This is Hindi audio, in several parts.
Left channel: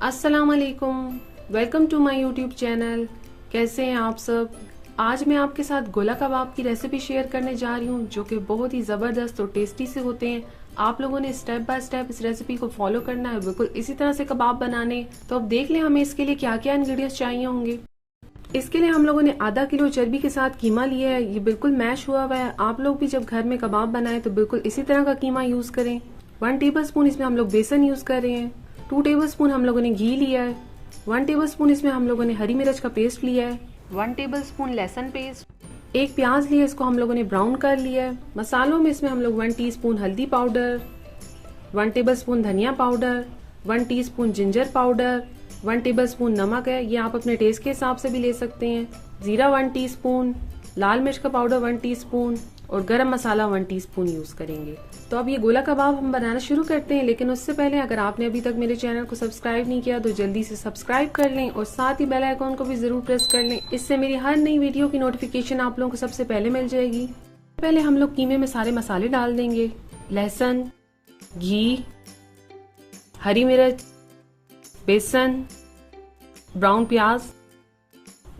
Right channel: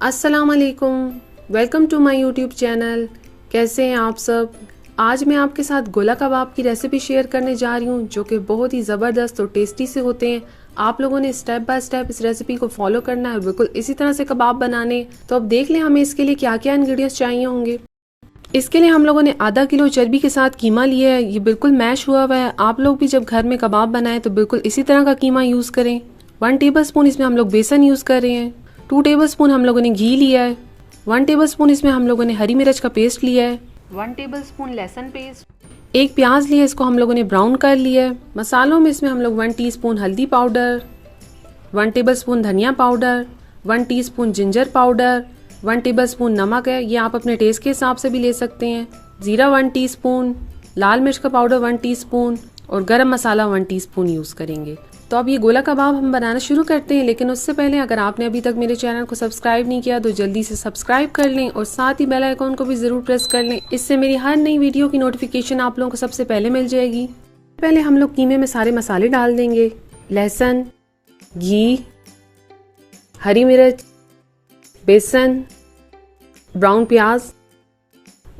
अस्सलाम वालेकुम, welcome to my YouTube channel. कैसे हैं आप सब। आज मैं आपके साथ गोला कबाब की रेसिपी शेयर करने जा रही हूँ जो कि बहुत ही ज़बरदस्त और टेस्टी से होते हैं। आप लोगों ने स्टेप बाय स्टेप इस रेसिपी को फॉलो करना है और बिल्कुल इसी तरह से कबाब बनाने। तो अब देख लें हमें इसके लिए क्या क्या इंग्रेडिएंट्स चाहिए होंगे। इसके लिए हम लोगों ने आधा किलो चर्बी के साथ कीमा लिया है। ये बिल्कुल मैश हुआ हुआ है। आप लोग भी जब घर में कबाब बनाएं तो बिल्कुल इसी तरह का कीमा यूज़ करें। 1 टेबलस्पून इसमें हम लोग बेसन यूज़ कर रहे हैं। 2 टेबलस्पून हम लोगों ने घी लिया है। 1 टेबलस्पून इसमें हम लोगों ने हरी मिर्च का पेस्ट लिया है। 1 टेबलस्पून लहसुन पेस्ट। एक प्याज लिया, इसको हम लोगों ने ब्राउन कर लिया है। मसालों में इसमें हम लोग 1 टीस्पून हल्दी पाउडर, 1 टेबलस्पून धनिया powder, 1 teaspoon ginger powder, 1 tablespoon नमक है, ये आप अपने टेस्ट के हिसाब से भी ले सकते हैं। जीरा 1 टीस्पून, लाल मिर्च का पाउडर 1 टीस्पून और गरम मसाला 1 टीस्पून यूज़ करेंगे। तो अब ये गोला कबाब हम बनाना शुरू करते हैं, लेकिन उससे पहले अगर आपने अभी तक मेरे चैनल को सब्सक्राइब नहीं किया तो जल्दी से सब्सक्राइब कर लें और साथ ही बेल आइकॉन को भी ज़रूर प्रेस कर लें। इससे मेरी हर नई वीडियो की नोटिफिकेशन आप लोगों को सबसे पहले मिल जाएगी। पहले हम लोग कीमे में सारे मसाले डाल देंगे। लहसुन, घी, हरी मिर्च, बेसन, ब्राउन प्याज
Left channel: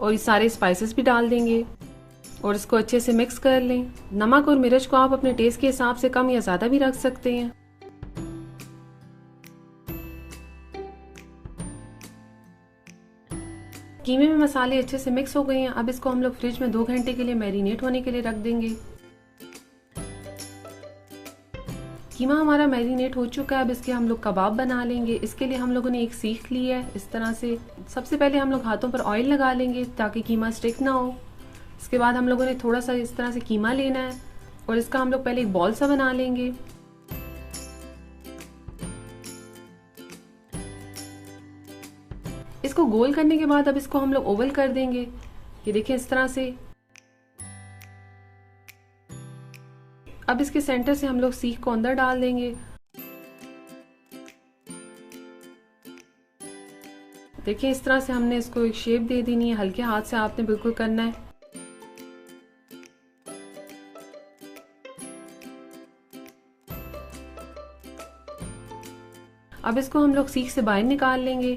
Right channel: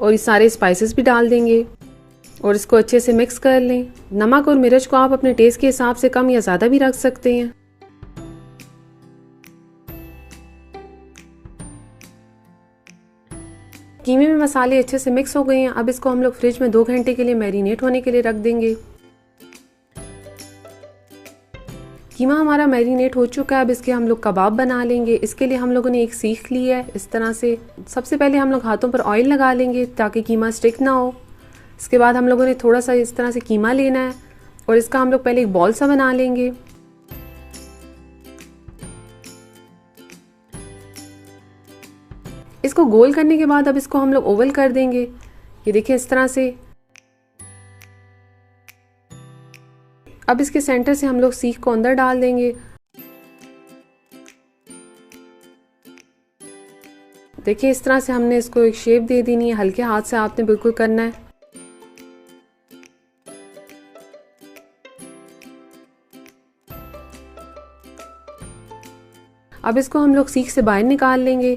और ये सारे स्पाइसेस भी डाल देंगे और इसको अच्छे से मिक्स कर लें। नमक और मिर्च को आप अपने टेस्ट के हिसाब से कम या ज़्यादा भी रख सकते हैं। कीमे में मसाले अच्छे से मिक्स हो गए हैं। अब इसको हम लोग फ्रिज में 2 घंटे के लिए मैरिनेट होने के लिए रख देंगे। कीमा हमारा मैरिनेट हो चुका है। अब इसके हम लोग कबाब बना लेंगे। इसके लिए हम लोगों ने एक सीख ली है इस तरह से। सबसे पहले हम लोग हाथों पर ऑयल लगा लेंगे ताकि कीमा स्टिक ना हो। इसके बाद हम लोगों ने थोड़ा सा इस तरह से कीमा लेना है और इसका हम लोग पहले एक बॉल सा बना लेंगे। इसको गोल करने के बाद अब इसको हम लोग ओवल कर देंगे। ये देखिए इस तरह से। अब इसके सेंटर से हम लोग सीख को अंदर डाल देंगे। देखिए इस तरह से हमने इसको एक शेप दे देनी है। हल्के हाथ से आपने बिल्कुल करना है। अब इसको हम लोग सीख से बाहर निकाल लेंगे।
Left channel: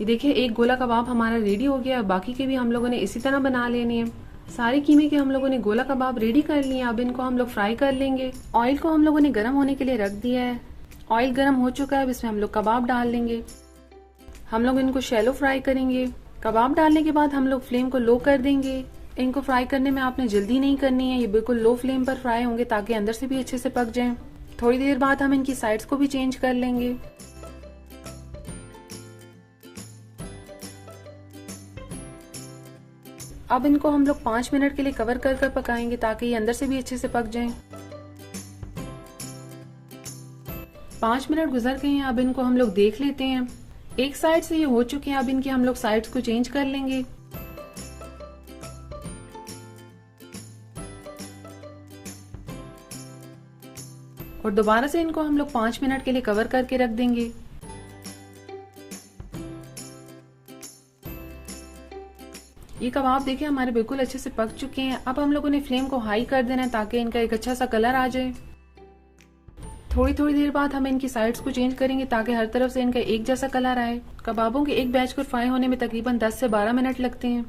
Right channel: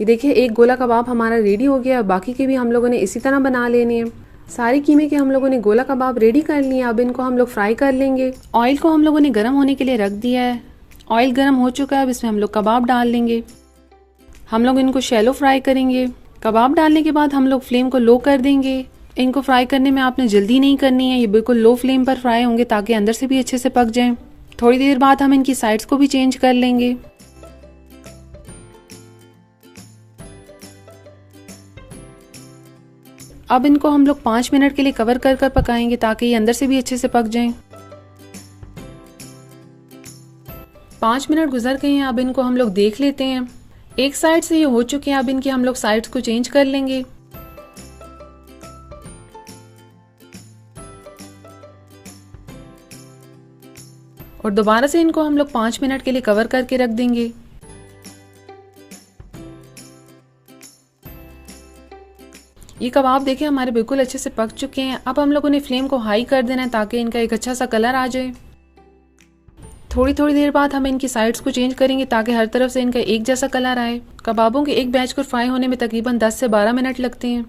ये देखिए एक गोला कबाब हमारा रेडी हो गया। बाकी के भी हम लोगों ने इसी तरह बना लेने हैं। सारे कीमे के हम लोगों ने गोला कबाब रेडी कर लिए। अब इनको हम लोग फ्राई कर लेंगे। ऑयल को हम लोगों ने गर्म होने के लिए रख दिया है। ऑयल गर्म हो चुका है। अब इसमें हम लोग कबाब डाल लेंगे। हम लोग इनको शैलो फ्राई करेंगे। कबाब डालने के बाद हम लोग फ्लेम को लो कर देंगे। इनको फ्राई करने में आपने जल्दी नहीं करनी है। ये बिल्कुल लो फ्लेम पर फ्राई होंगे ताकि अंदर से भी अच्छे से पक जाएं। थोड़ी देर बाद हम इनकी साइड्स को भी चेंज कर लेंगे। अब इनको हम लोग 5 मिनट के लिए कवर कर कर पकाएंगे ताकि ये अंदर से भी अच्छे से पक जाएं। 5 मिनट गुजर गए हैं। अब इनको हम लोग देख लेते हैं। एक साइड से ये हो चुके हैं। अब इनकी हम लोग साइड्स को चेंज कर लेंगे। और दोबारा से इनको हम लोग 5 मिनट के लिए कवर करके रख देंगे। ये कबाब देखिए हमारे बिल्कुल अच्छे से पक चुके हैं। अब हम लोगों ने फ्लेम को हाई कर देना है ताकि इनका एक अच्छा सा कलर आ जाए। थोड़ी थोड़ी देर बाद हम इनकी साइड्स को चेंज करेंगे ताकि हर तरफ से इनका एक जैसा कलर आए। कबाबों के एक बैच को फ्राई होने में तकरीबन 10 से 12 मिनट लगते हैं।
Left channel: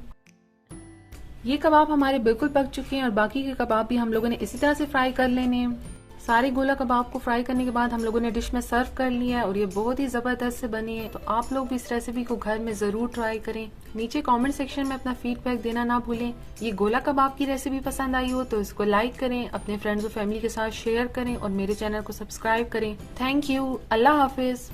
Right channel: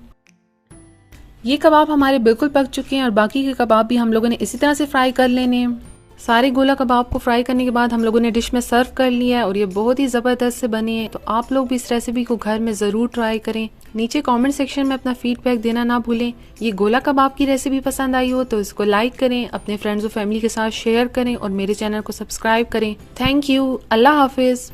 ये कबाब हमारे बिल्कुल पक चुके हैं और बाकी के कबाब भी हम लोगों ने इसी तरह से फ्राई कर लेने हैं। सारे गोला कबाब को फ्राई करने के बाद हम लोगों ने डिश में सर्व कर लिया है और ये बहुत ही ज़बरदस्त से बने हैं। तो आप लोग भी इस रेसिपी को घर में ज़रूर ट्राई करें। नीचे कमेंट सेक्शन में अपना फीडबैक देना ना भूलें। ये गोला कबाब की रेसिपी पसंद आई हो तो इसको लाइक करें, अपने फ्रेंड्स और फैमिली के साथ शेयर करें और मेरे चैनल को सब्सक्राइब करें। Thank you. अल्लाह हाफिज़।